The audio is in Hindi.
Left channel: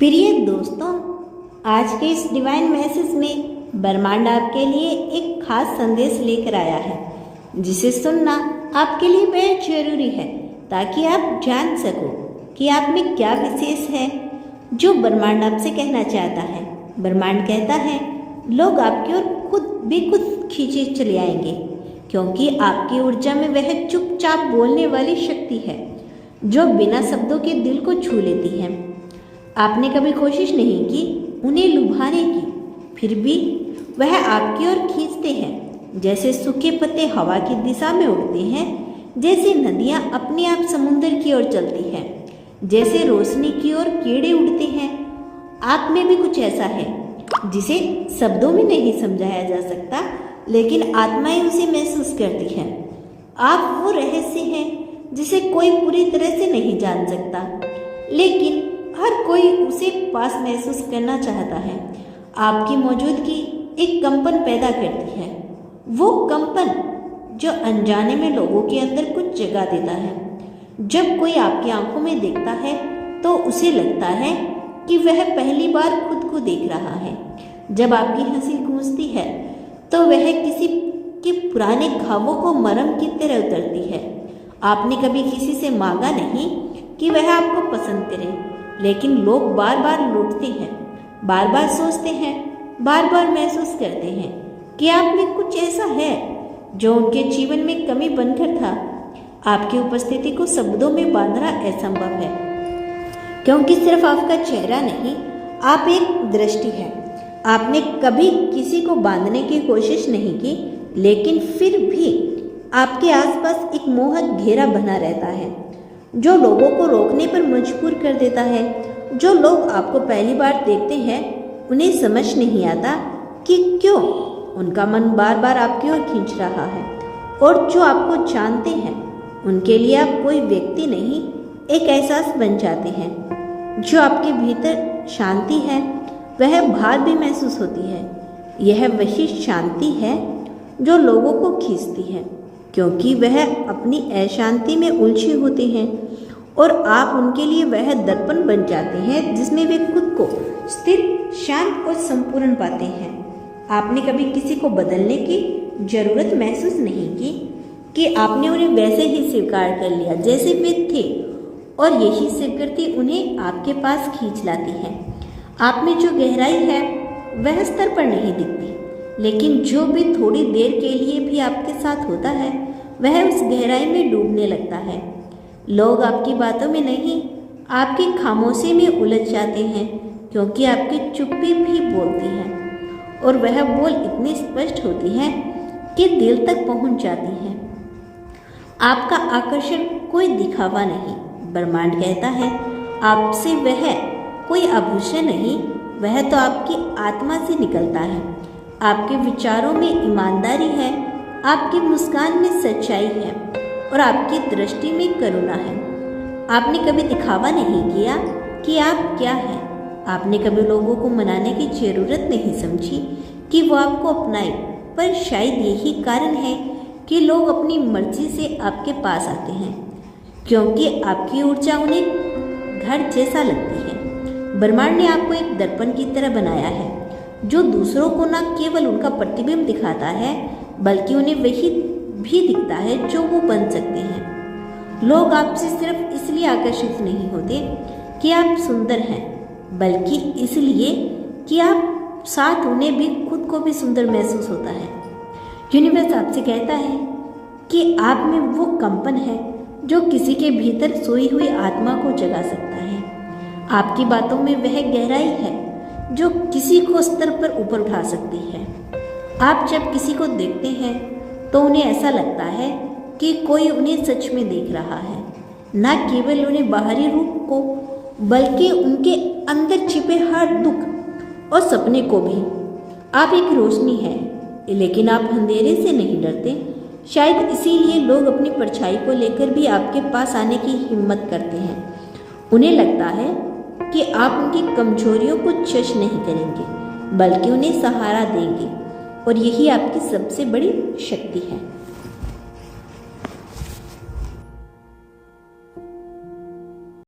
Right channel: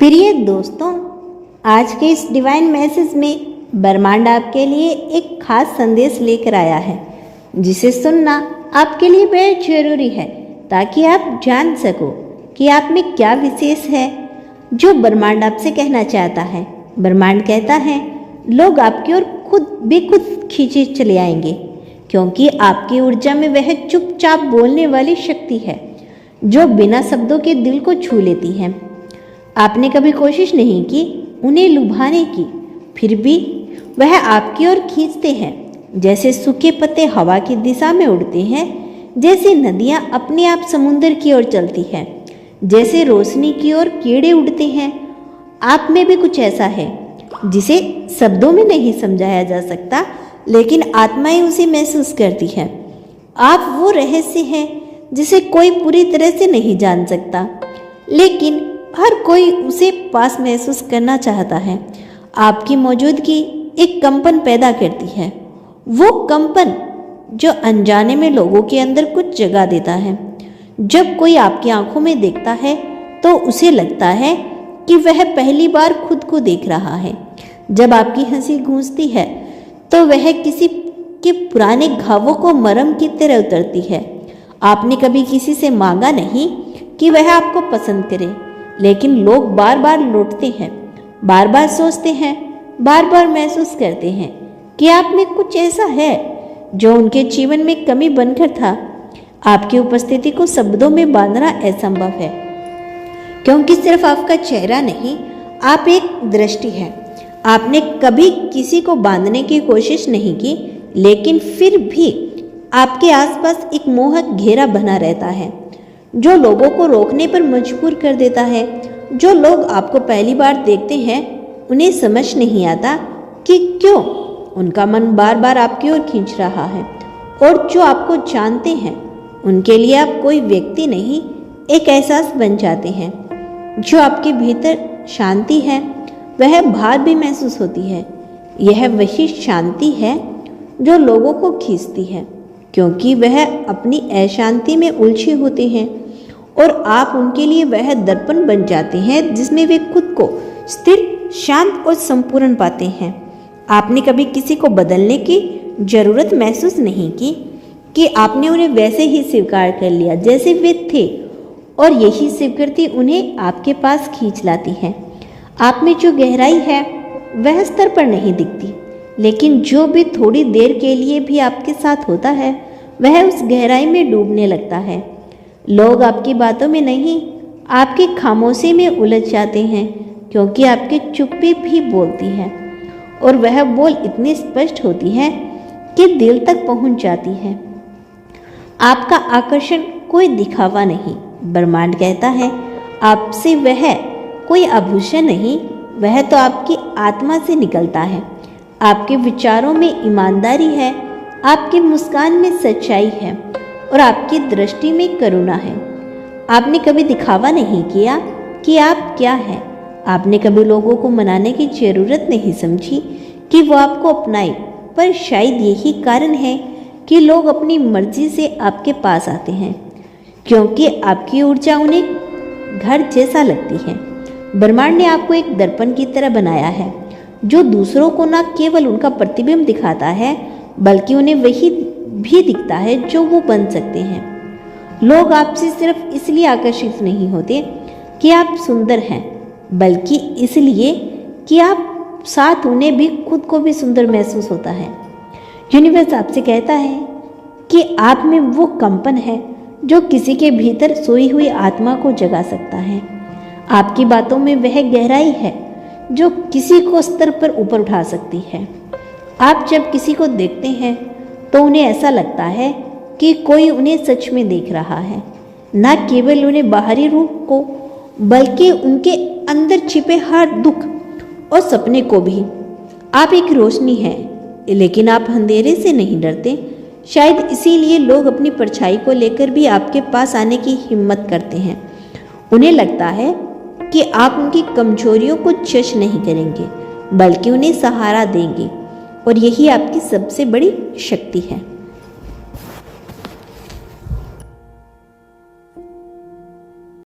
प्रिय दोस्तों, आज के इस डिवाइन मैसेज में ब्रह्मांड आपके लिए एक खास संदेश लेकर आया है, जिसे सुनना आपके लिए बेहद जरूरी है ताकि आप जान सको कि आप में क्या विशेष है जो ब्रह्मांड आपसे कहना चाहता है। ब्रह्मांड कहता है लोग आपकी ओर खुद खींचे चले आएंगे, क्योंकि आपकी ऊर्जा में वह चुपचाप बोलने वाली शक्ति है जो बिना शब्दों के दिल को छू लेती है। आपने कभी कोशिश नहीं की उन्हें लुभाने की, फिर भी वह आपकी ओर खींचते हैं। जैसे सूखे पत्ते हवा की दिशा में उड़ते हैं, जैसे नदियाँ अपने आप समुद्र की ओर चलती हैं, जैसे रोशनी की ओर कीड़े उड़ते हैं। आप में भी कुछ ऐसा है जिसे शब्दों में नहीं समझाया जा सकता, लेकिन आत्माएं उसे महसूस करती हैं। आप वो रहस्य हैं जिसे कोई पूरी तरह से नहीं जान सकता, लेकिन हर कोई उसे पास महसूस करना चाहता है। आपकी मौजूदगी एक कंपन पैदा करती है, वो कंपन जो अनजाने में लोगों के अंदर कुछ जगा देता है। जब कोई आपकी आंखों में देखता है तो उसे लगता है कि वह पहली बार खुद को देख रहा है। जब आपकी हंसी गूंजती है तो वह किसी के पुराने घावों को मरहम की तरह उतरती है। आपने कभी किसी से मांगा नहीं कि वह आपको पसंद करे, लेकिन लोग बार बार लौटते हैं, बार बार सोचते हैं, बार बार महसूस करते हैं कि आप में कुछ ऐसा है जो उनके जीवन में कमी बनकर था। आपकी उपस्थिति को शब्दों में बांधना असंभव है, क्योंकि सिर्फ आपका चेहरा नहीं, आप एक दृष्टि है। आपने कभी किसी को बांधने की कोशिश नहीं की, लेकिन फिर भी आपके आसपास एक मोहक घेरा बना रहता है जो लोगों को रोकने पर मजबूर कर देता है। जो लोग आपको पहली बार देखते हैं उन्हें समझ नहीं आता कि क्यों उनका मन बार बार आपकी ओर खींच रहा है, और जो आपको जानते हैं उनके लिए आप कोई व्यक्ति नहीं, एक एहसास बन जाते हैं। जो आपके भीतर शांति है वह बाहर भी महसूस होती है। यह वही शांति है जो लोगों को खींचती है, क्योंकि वह अपनी अशांति में उलझे होते हैं और आप उनके लिए वह दर्पण बन जाते हैं जिसमें वे खुद को स्थिर, शांत और संपूर्ण पाते हैं। आपने कभी किसी को बदलने की जरूरत महसूस नहीं की कि आपने उन्हें वैसे ही स्वीकार कर लिया जैसे वे थे, और यही स्वीकृति उन्हें आपके पास खींच लाती है। आप में जो गहराई है वह स्तर पर नहीं दिखती, लेकिन जो भी थोड़ी देर के लिए भी आपके साथ होता है वह उस गहराई में डूबने लगता है। लोग आपकी बातों में नहीं, आपकी खामोशी में उलझ जाते हैं, क्योंकि आपकी चुप्पी भी बोलती है, और वह बोल इतनी स्पष्ट होती है कि दिल तक पहुंच जाती है। आपका आकर्षण कोई दिखावा नहीं, ब्रह्मांड कहता है आपसे वह कोई आभूषण नहीं, वह तो आपकी आत्मा से निकलता है। आपके विचारों में ईमानदारी है, आपकी मुस्कान में सच्चाई है, और आपकी दृष्टि में करुणा है। आपने कभी दिखावा नहीं किया कि आप क्या हैं। आपने कभी लोगों को मनाने की जरूरत नहीं समझी कि वो आपको अपनाए, पर शायद यही कारण है कि लोग अपनी मर्जी से आपके पास आते हैं, क्योंकि आपकी ऊर्जा उन्हें घर जैसा लगती है। ब्रह्मांड ने आपको एक दर्पण की तरह बनाया है जो दूसरों को न केवल उनका प्रतिबिंब दिखाता है, बल्कि उन्हें वही भी दिखता है जो वो बन सकते हैं। लोग आपसे सिर्फ इसलिए आकर्षित नहीं होते कि आप सुंदर हैं, बल्कि इसलिए कि आप साथ उन्हें भी खुद को भी सुंदर महसूस होता है। यूनिवर्स आपसे कहता है कि आप में वो कंपन है जो किसी के भीतर सोई हुई आत्मा को जगा सकता है। आपकी बातों में वह गहराई है जो किसी को स्तर पर ऊपर उठा सकती है। आप जब किसी को देखते हैं तो उन्हें ऐसा लगता है कि कोई उन्हें सच में देख रहा है, न केवल उन्हें बाहरी रूप को, बल्कि उनके अंदर छिपे हर दुख और सपने को भी। आप एक रोशनी हैं, लेकिन आप अंधेरे से नहीं डरते। शायद इसीलिए लोग अपनी परछाई को लेकर भी आपके पास आने की हिम्मत करते हैं। उन्हें लगता है कि आप उनकी कमजोरियों को जज नहीं करेंगे, बल्कि उन्हें सहारा देंगे, और यही आपकी सबसे बड़ी शक्ति है।